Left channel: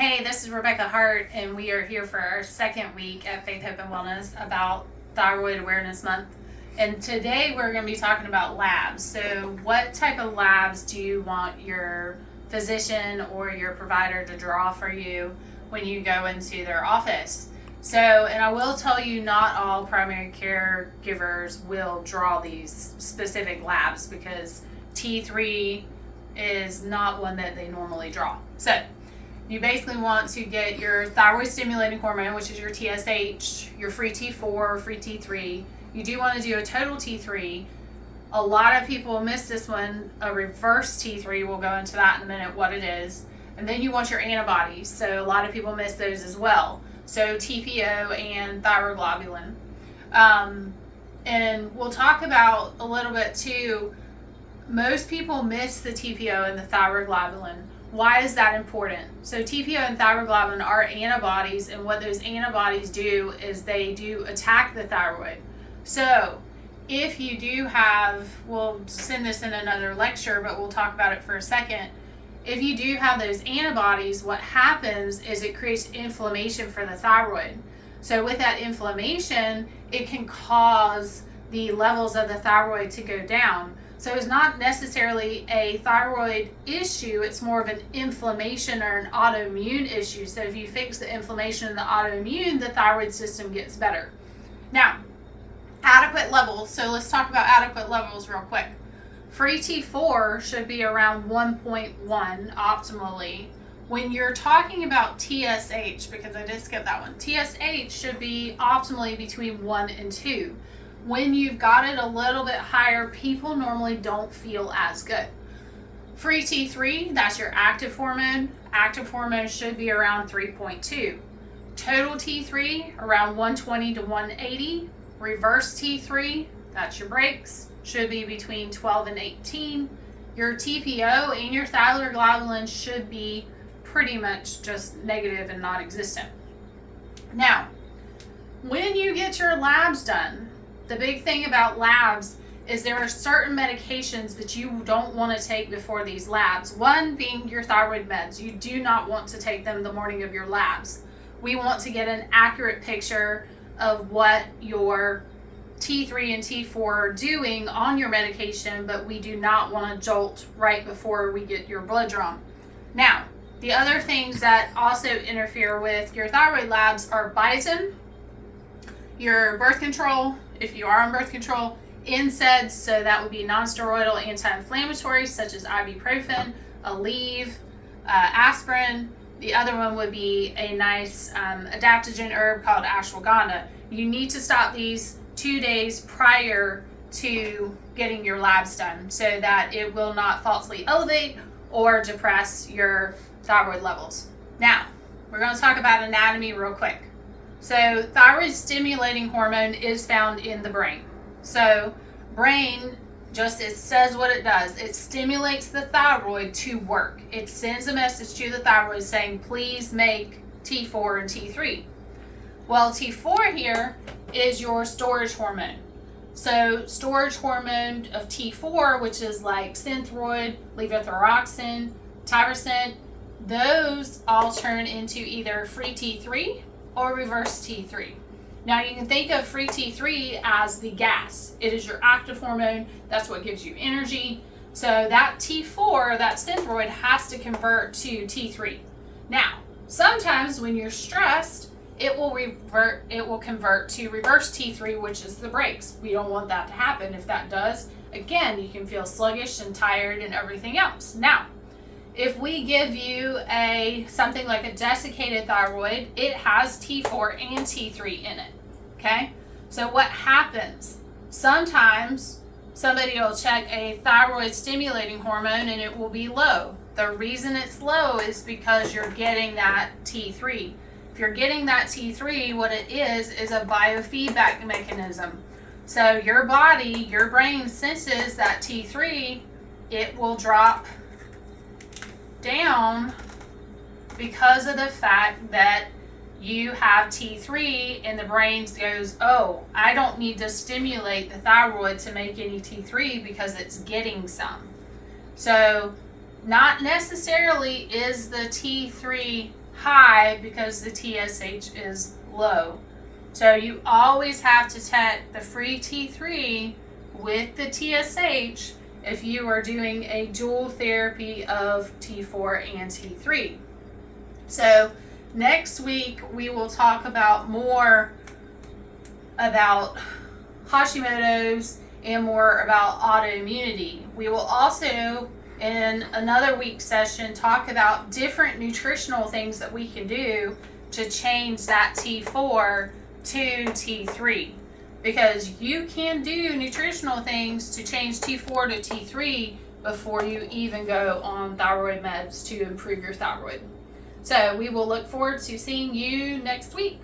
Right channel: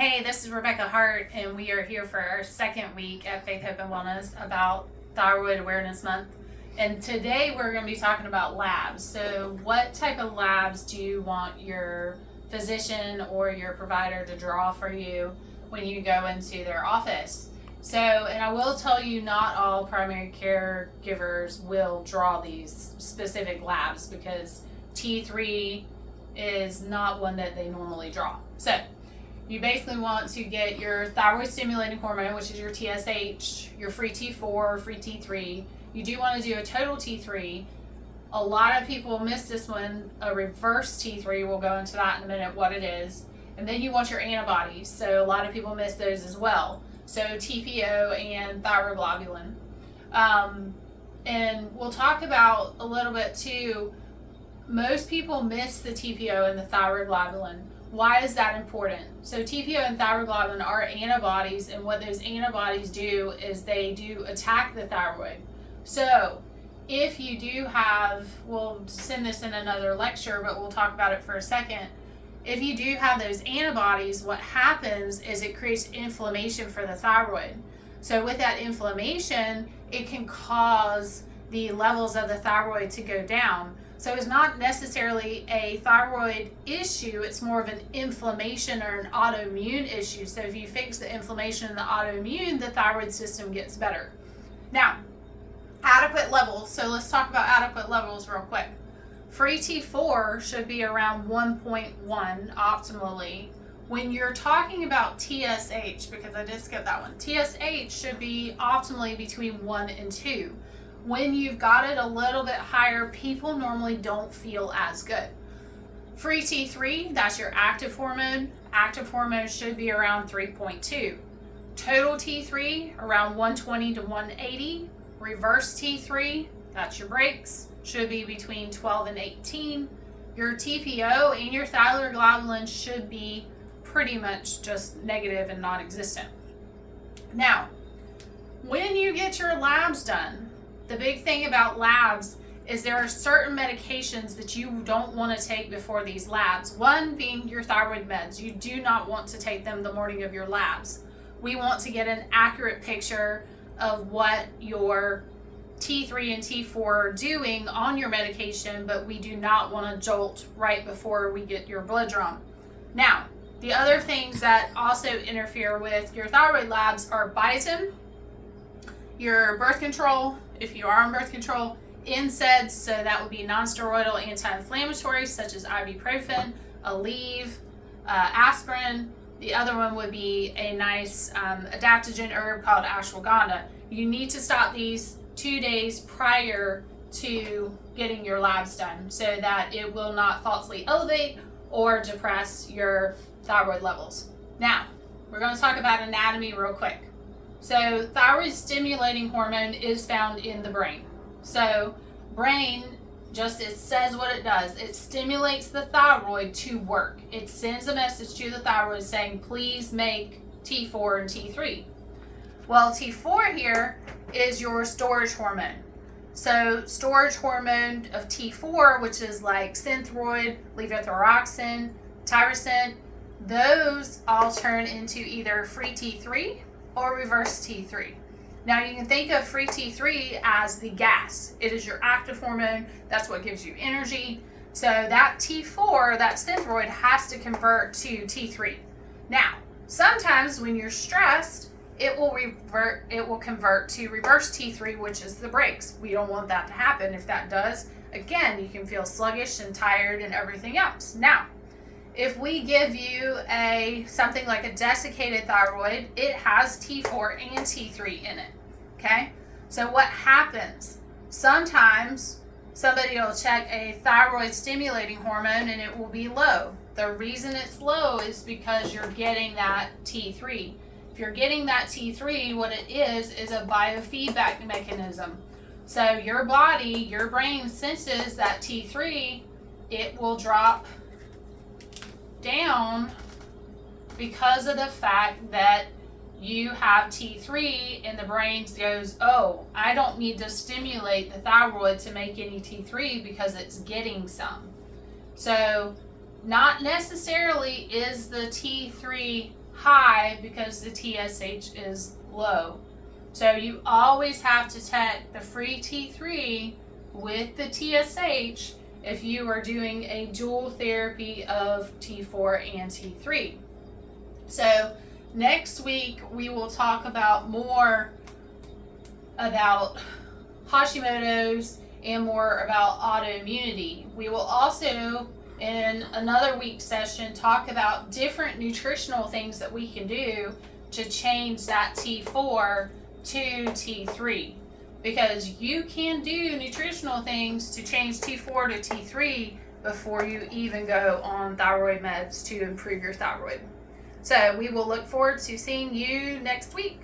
Hey, this is Rebecca Hart, and we are here for our second week at Faith, Hope, and Wellness about Thyroid Awareness Month. And today we're going to be talking about labs. So, what type of labs do you want your physician or your provider to draw for you when you go into their office? So, and I will tell you, not all primary caregivers will draw these specific labs because T3 is not one that they normally draw. So, you basically want to get your thyroid stimulating hormone, which is your TSH, your free T4, free T3. You do want to do a total T3. A lot of people miss this one, a reverse T3. We'll go into that in a minute, what it is. And then you want your antibodies. So a lot of people miss those as well. So TPO and thyroglobulin. And we'll talk about a little bit too. Most people miss the TPO and the thyroglobulin. Why is that important? So TPO and thyroglobulin are antibodies, and what those antibodies do is they do attack the thyroid. So if you do have, we'll send this in another lecture, but we'll talk about it for a second. If you do have those antibodies, what happens is it creates inflammation for the thyroid. So with that inflammation, it can cause the levels of the thyroid to go down. So it's not necessarily a thyroid issue, it's more of an inflammation or an autoimmune issue. So if you fix the inflammation and the autoimmune, the thyroid system gets better. Now, adequate levels. So let's talk about adequate levels real quick. Free T4 should be around 1.1 optimally. When you're talking about TSH, because I did skip that one, TSH should be optimally between 1 and 2. When you've got it a little bit higher, people normally don't feel as good. Free T3, that's your active hormone. Active hormone should be around 3.2. Total T3, around 120 to 180. Reverse T3, that's your breaks, should be between 12 and 18. Your TPO and your thyroglobulin should be pretty much just negative and non-existent. Now, when you get your labs done, the big thing about labs is there are certain medications that you don't want to take before these labs. One being your thyroid meds. You do not want to take them the morning of your labs. We want to get an accurate picture of what your T3 and T4 are doing on your medication, but we do not want to jolt right before we get your blood drawn. Now, the other things that also interfere with your thyroid labs are biotin, your birth control, if you are on birth control, NSAIDs, so that would be non-steroidal anti-inflammatories such as ibuprofen, Aleve, aspirin. The other one would be a nice adaptogen herb called ashwagandha. You need to stop these 2 days prior to getting your labs done so that it will not falsely elevate or depress your thyroid levels. Now, we're going to talk about anatomy real quick. So thyroid stimulating hormone is found in the brain. So brain, just it says what it does. It stimulates the thyroid to work. It sends a message to the thyroid saying, please make T4 and T3. Well, T4 here is your storage hormone. So storage hormone of T4, which is like synthroid, levothyroxine, tyrosine, those all turn into either free T3 or reverse T3. Now you can think of free T3 as the gas. It is your active hormone. That's what gives you energy. So that T4, that synthroid, has to convert to T3. Now, sometimes when you're stressed, it will convert to reverse T3, which is the brakes. We don't want that to happen. If that does, again, you can feel sluggish and tired and everything else. Now, if we give you something like a desiccated thyroid, it has T4 and T3 in it, okay? So what happens? Sometimes somebody will check a thyroid stimulating hormone and it will be low. The reason it's low is because you're getting that T3. If you're getting that T3, what it is a biofeedback mechanism. So your body, your brain senses that T3, it will drop down because of the fact that you have T3 and the brain goes, oh, I don't need to stimulate the thyroid to make any T3 because it's getting some. So Not necessarily is the T3 high because the TSH is low. So you always have to check the free T3 with the TSH if you are doing a dual therapy of T4 and T3. So next week we will talk about more about Hashimoto's and more about autoimmunity. We will also, in another week session, talk about different nutritional things that we can do to change that T4 to T3, because you can do nutritional things to change T4 to T3 before you even go on thyroid meds to improve your thyroid. So we will look forward to seeing you next week.